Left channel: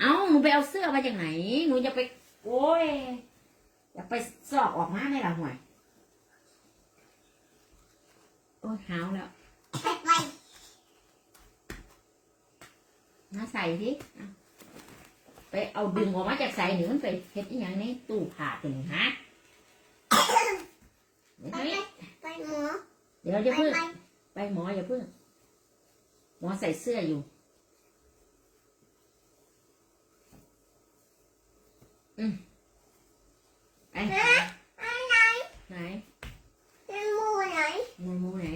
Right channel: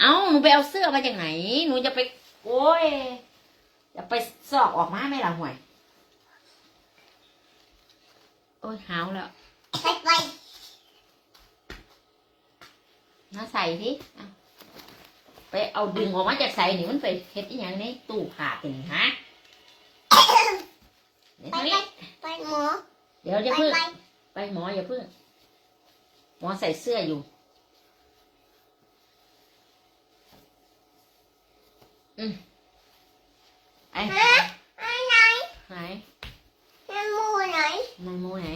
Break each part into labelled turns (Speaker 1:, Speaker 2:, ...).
Speaker 1: เอ้าหนูไปเอาเสื้อมาจากไหน หนูจะไป โอ้ยจะไปสอกออกมาไหมล่ะห่วย โอ้ยหาวแล้ว
Speaker 2: ไปไป
Speaker 1: มาใส่สิเอาไปเอาดึงออกมาจากใส่นี่มันไปเฮ็ดอีหยังในตู้ผ้าตัวนี้ฮะเดี๋ยว
Speaker 2: ไป
Speaker 1: นี้
Speaker 2: ไปหมอ
Speaker 1: เดี๋ยว
Speaker 2: ไป
Speaker 1: จะพึ่ง
Speaker 2: ไป
Speaker 1: ไปหมออย่าพึ่งหมอใส่เสื้ออยู่ อืมไอ้
Speaker 2: ฮะอะไร
Speaker 1: ไหน
Speaker 2: น้ำมูไหน
Speaker 1: มันมือไหน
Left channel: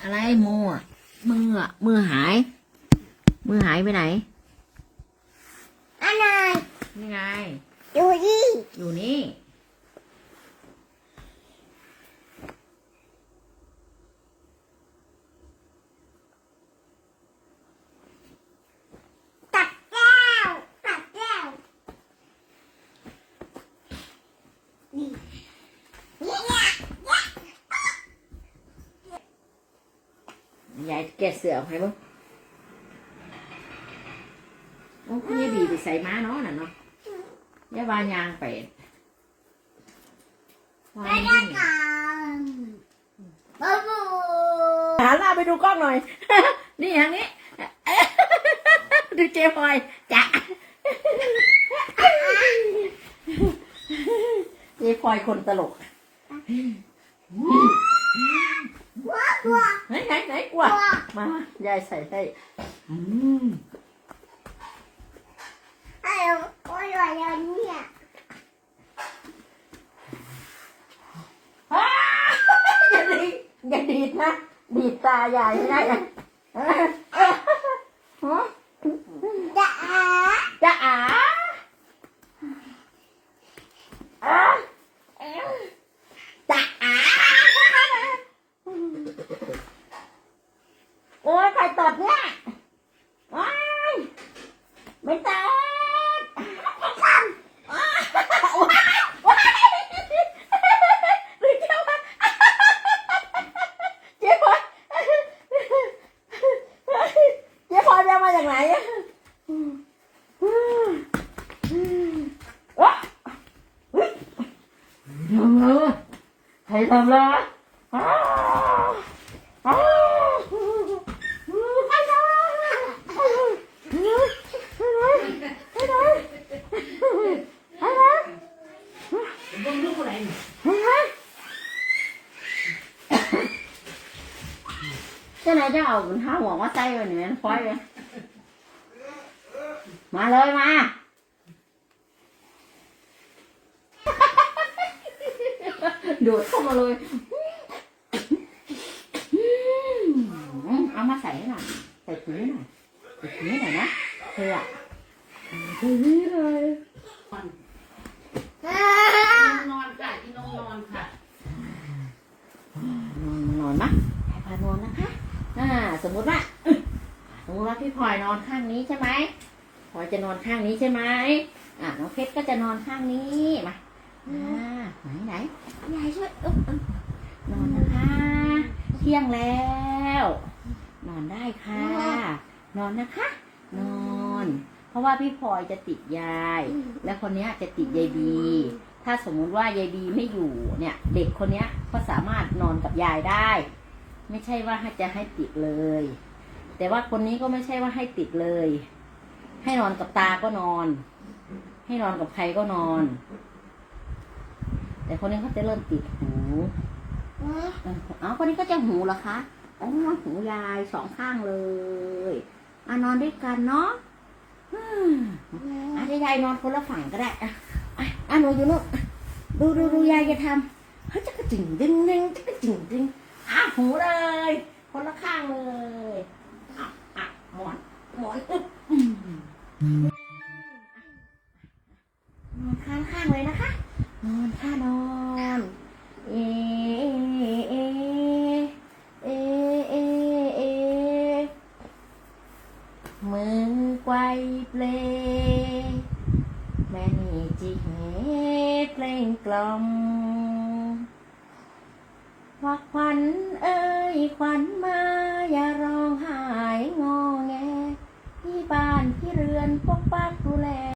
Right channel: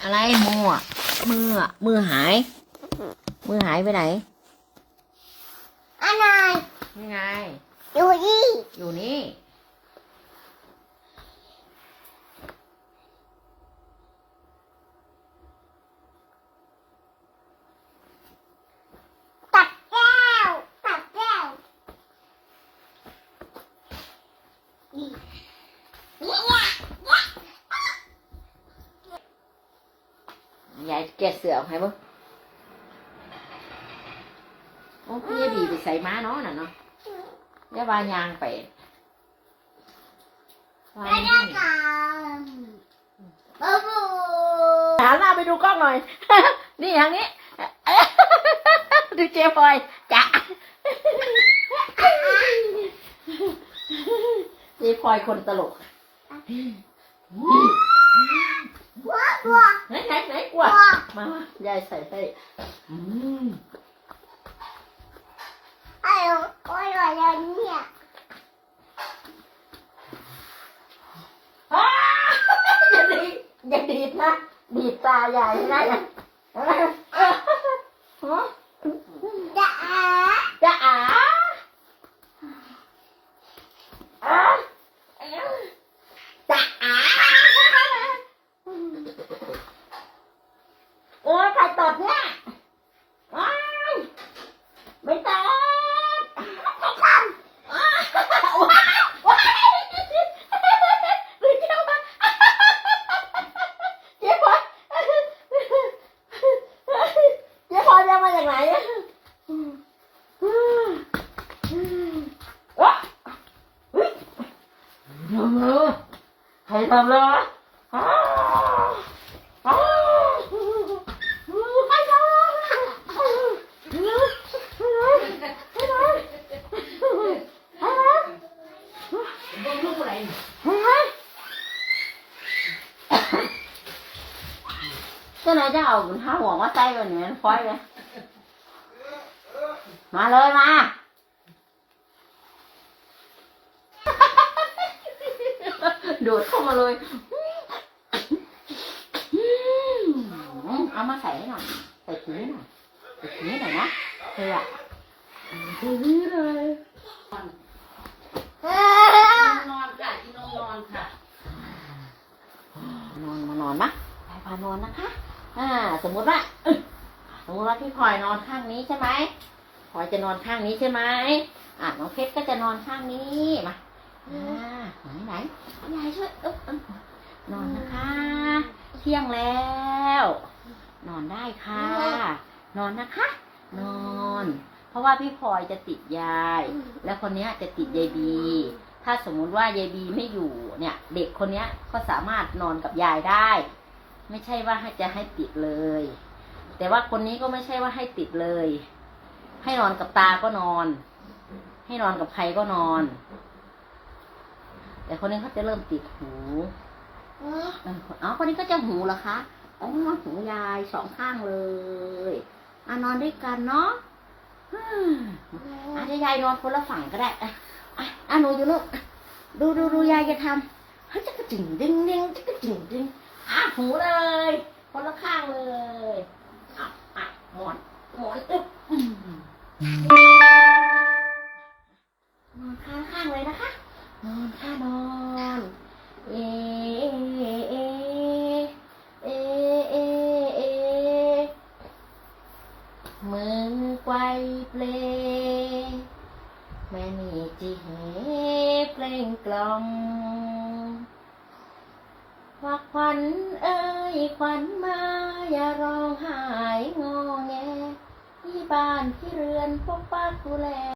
Speaker 1: อะไรมืออะมืออะมือหาย มือหายไปไหน
Speaker 2: อะไร
Speaker 1: นี่ไง
Speaker 2: ดูดิ
Speaker 1: อยู่นี่
Speaker 2: ตัดแก้วตัดแก้วนี่นี่เนี่ย
Speaker 1: ยายแกะเสือออกให้เบ้างโอ้พี่ยายบีไปใส่ม้าเนาะน่ะเนาะยายวายางไปวา
Speaker 2: ไป
Speaker 1: ย
Speaker 2: เล่นกันบูบู
Speaker 1: หันหน้าไปดูกล้องหน่อย นี่อย่างนี้ดูเจ๊พลอยจ้ะเจ๊พลอยคนตลก
Speaker 2: ว้าวว้าว
Speaker 1: ไหน ไหนไหนกลัว
Speaker 2: ว้าว
Speaker 1: มายายใส่ให้อืม
Speaker 2: ไอ้โอ้ยอะไรเนี่ย
Speaker 1: อ้าอย่าดีดอย่าดีดนะดีดตายายไม่ได้นะฮะ
Speaker 2: จะอา
Speaker 1: จะอาอาจะอาโอ้ยใคร ตดเนี่ยว้ายไม่ตดไม่ทำว้ายว้ายหรือเจ้าว่าเจ๊พอเจ๊พอยไปเอามาจากไหนว้าเฮ้ยทำเลยใครทำเลยอ้าวอ้าวใครทำเลยให้หน่อยให้หน่อยให้หน่อย
Speaker 3: Vâng lúc này
Speaker 1: ให้หน่อยเจ้าไหนจะเอาห้าหัวมาใส่วันนี้มันคอยเลยมาเลยมาโดดเข้ามาเลยเอามาใส่ให้หน่อยใส่ถุงหน่อยใส่ถุงหน่อยนะเธออะถุงเลย
Speaker 3: ngon cả chứ nó ngon cả
Speaker 1: นอนมานอนนะพายพานอนนะคะ อ่า สมมุติว่าเอ้ยสมมติว่าพี่พลอยนอนข้างนี้ใช่ไหมพลอยจะนอนข้างนี้ใช่ไหมอ่าน้องเพชรก็จะนอนข้างนี้มาอ่าไหนไหนยายช่วยอึ๊บอึ๊บนอนนะคะ เที่ยงแล้ว นอนได้ค่ะ นอนนะคะ นอน เพราะว่าพี่พลอยจะติดยาย และคนเนี้ยจะติดยายบี ถ้าสมมุติว่ายายบีไม่อยู่เนี่ย เด็กคนเนี้ยก็สามารถนอนกับยายได้ ไม่ใช่ว่าให้จะให้ติดเลย แต่ว่าคนนี้ก็ไม่ใช่ว่าให้ติดเลย ให้นอนกับตาก็นอน ให้นอนกับใครก็นอน แต่คนนี้เขาจะเริ่มติดหูเอ้าเอ้าคนนี้ก็จะหูเหรอคะอ๋อหูยายสองข้างเลยมานอนด้วยกันเนาะอืมอาจจะยายนอนคนละฝั่งก็ได้อะอะอะหนูอยู่นู่นดูดูดูยายจะทำให้ยจักระจิ่งดึงดึงจักระจิ่งดึงอะ หูเลย คนละข้างเลยอะอะหมอน หมอนอึ๊บนอนข้างข้างเลยนะคะ นอนค่ะนอน เอเอเอเอเอมือไกวเปลแม่นี่จิเหเพลงกล่อม ว่าขวัญเอ้ยขวัญมาอย่าร้องไห้งอแงที่บ้านที่เรือนกันปกปักดูแล